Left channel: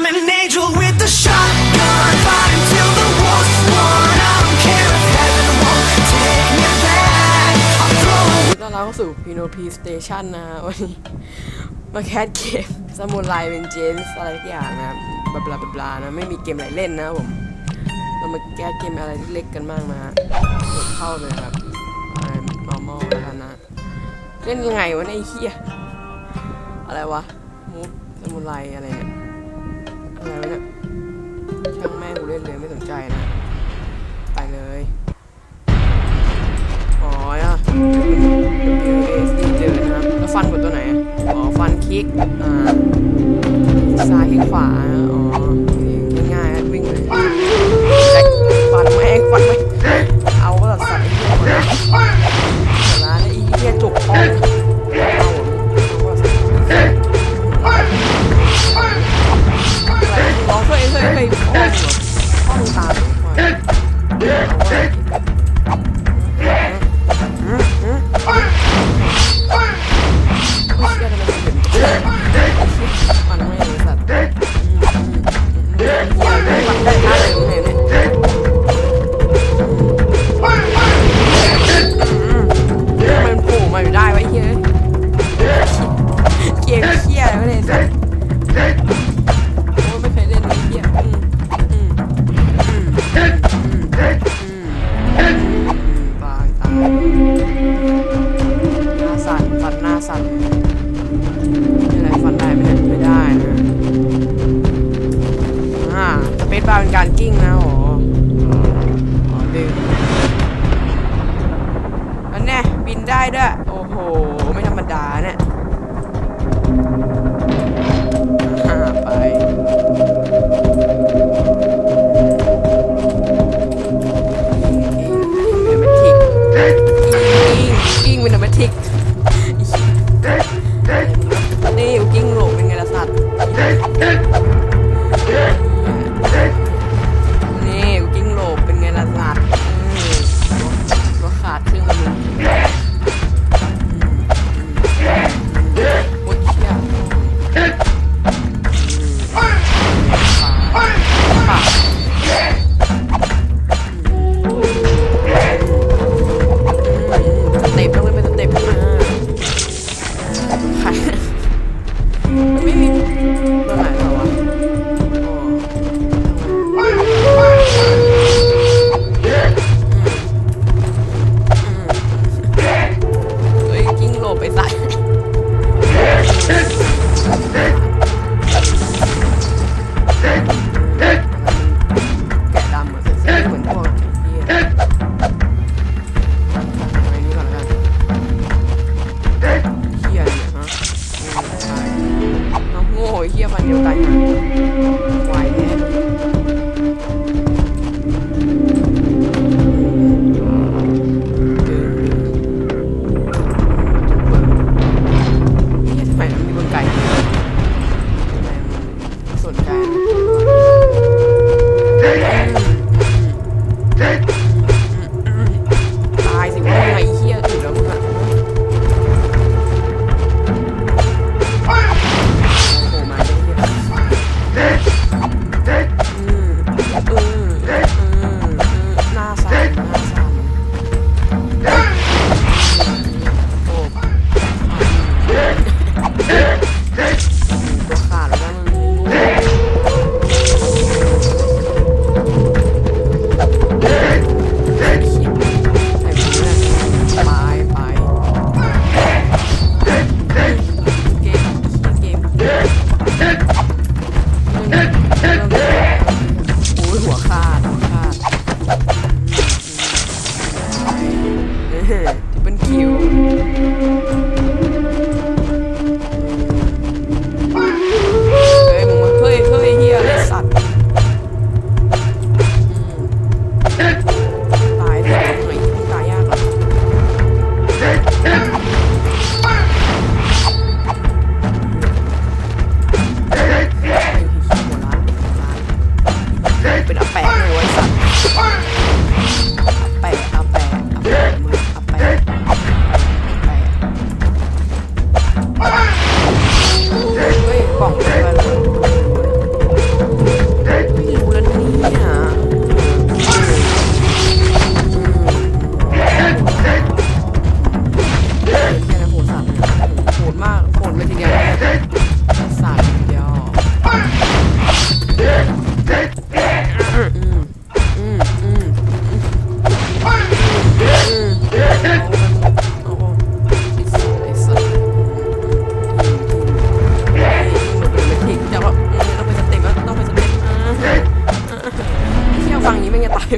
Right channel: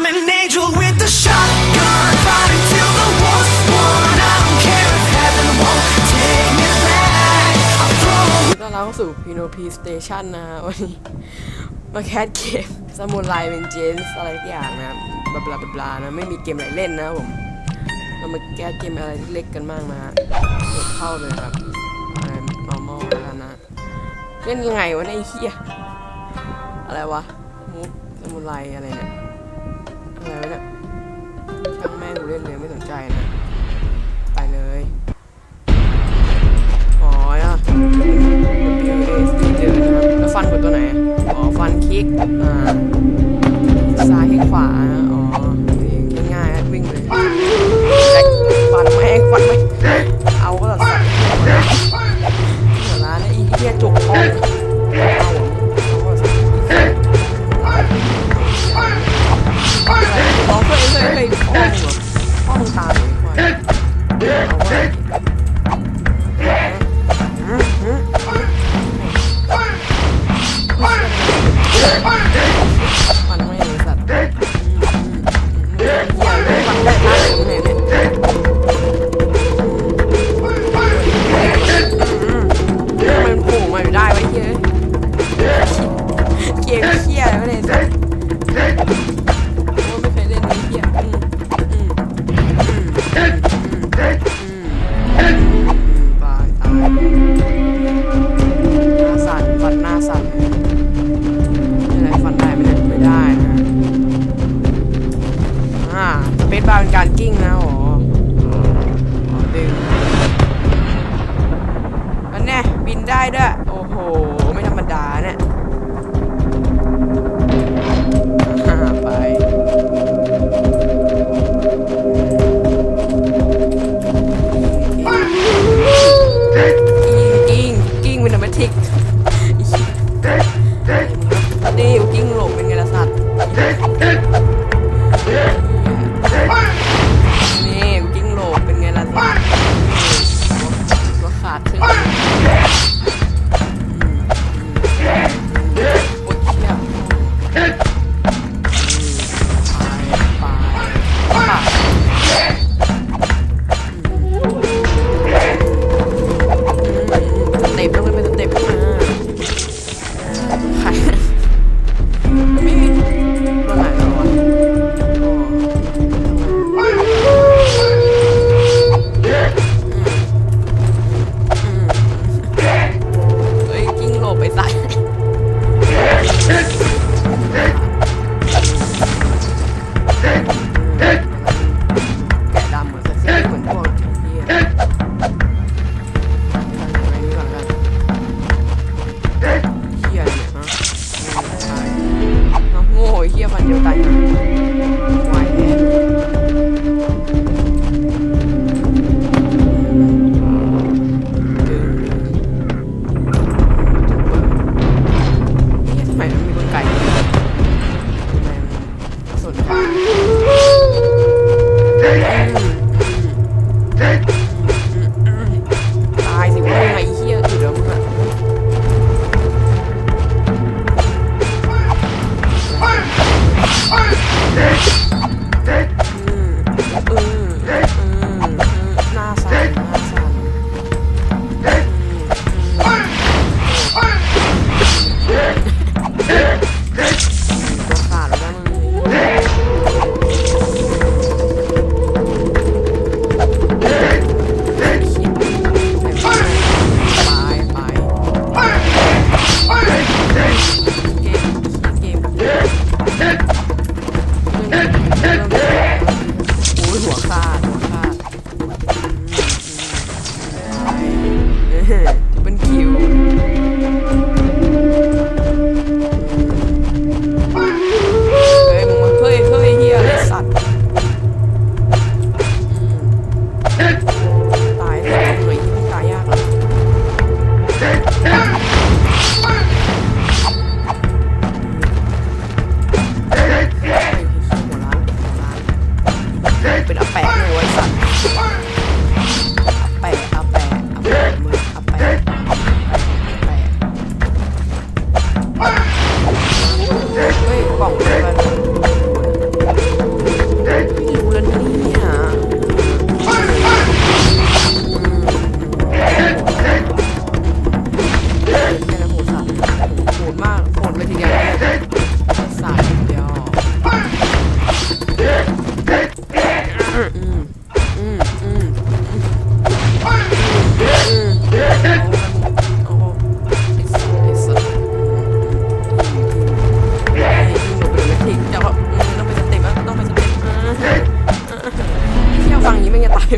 I'm an angel with a shotgun, fight until the war's won. I don't care if heaven won't take me back. I'll throw ต้อนรับเข้าสู่ PNOP Station นะฮะวันนี้ มาแคสเกมสมุนไลเป็นเจนส์อะไรสักอย่างนะบลาบลาบลานะ ไม่มีเกมอะไรเล่นนะผม เรามาแก้เกมอะไรเล็กๆกันบ้างนะฮะกดเข้าเลยครับอะไร normal แล้วกันนะ เล่นยังไงวะเนี่ยไอ้เฮียอะไรวะมูฟสมุนไลอะไรเนี่ย อะไรวะเนี่ยช่างแม่กูเล่นเลยไม่สนใจนะ ไปเลยอ๋ออะ W A S D เดินนะครับ แล้วฟันกดตัวไหน อ๋อ ฟันคลิก อ่า ซ้ายคลิกขวา อ๋อนี่ง่ายๆวิ่งเลยฟันแม่งฟันไม่เอาก็สัตว์ไอ้เหี้ยหมดละหัวร้านไอ้เหี้ยจุกอ่อ เปซบาร์เป็นการกิ้งนะอ๋ออ๋อดึงอันเนี้บินได้ด้วย โอ้โห ไม่ธรรมดาเนี่ยอ่าไปกิ้งกิ้งกิ้งเป็นธรรมทิกนี่กูกิ้งหลบเป็นไงล่ะสัตว์ นี่กูกิ้งหลบเป็นไงล่ะสัตว์นี่ตัวขาดครึ่งหนึง อื โอ้ ฟังอย่างนี้แม่งจะตาย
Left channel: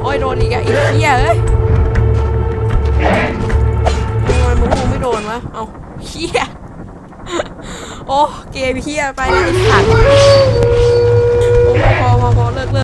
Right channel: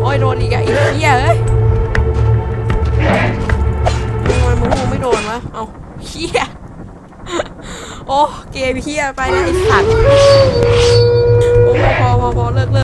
โอ้ยโดนอีกอะอีกเหี้ยเอ้ยทำไมมึงมึไม่โดนวะ เอาเหี้ย โอ้ เกมเหี้ยไปเลยไอ้สัตโอ้พอพอพอเลิกเลิก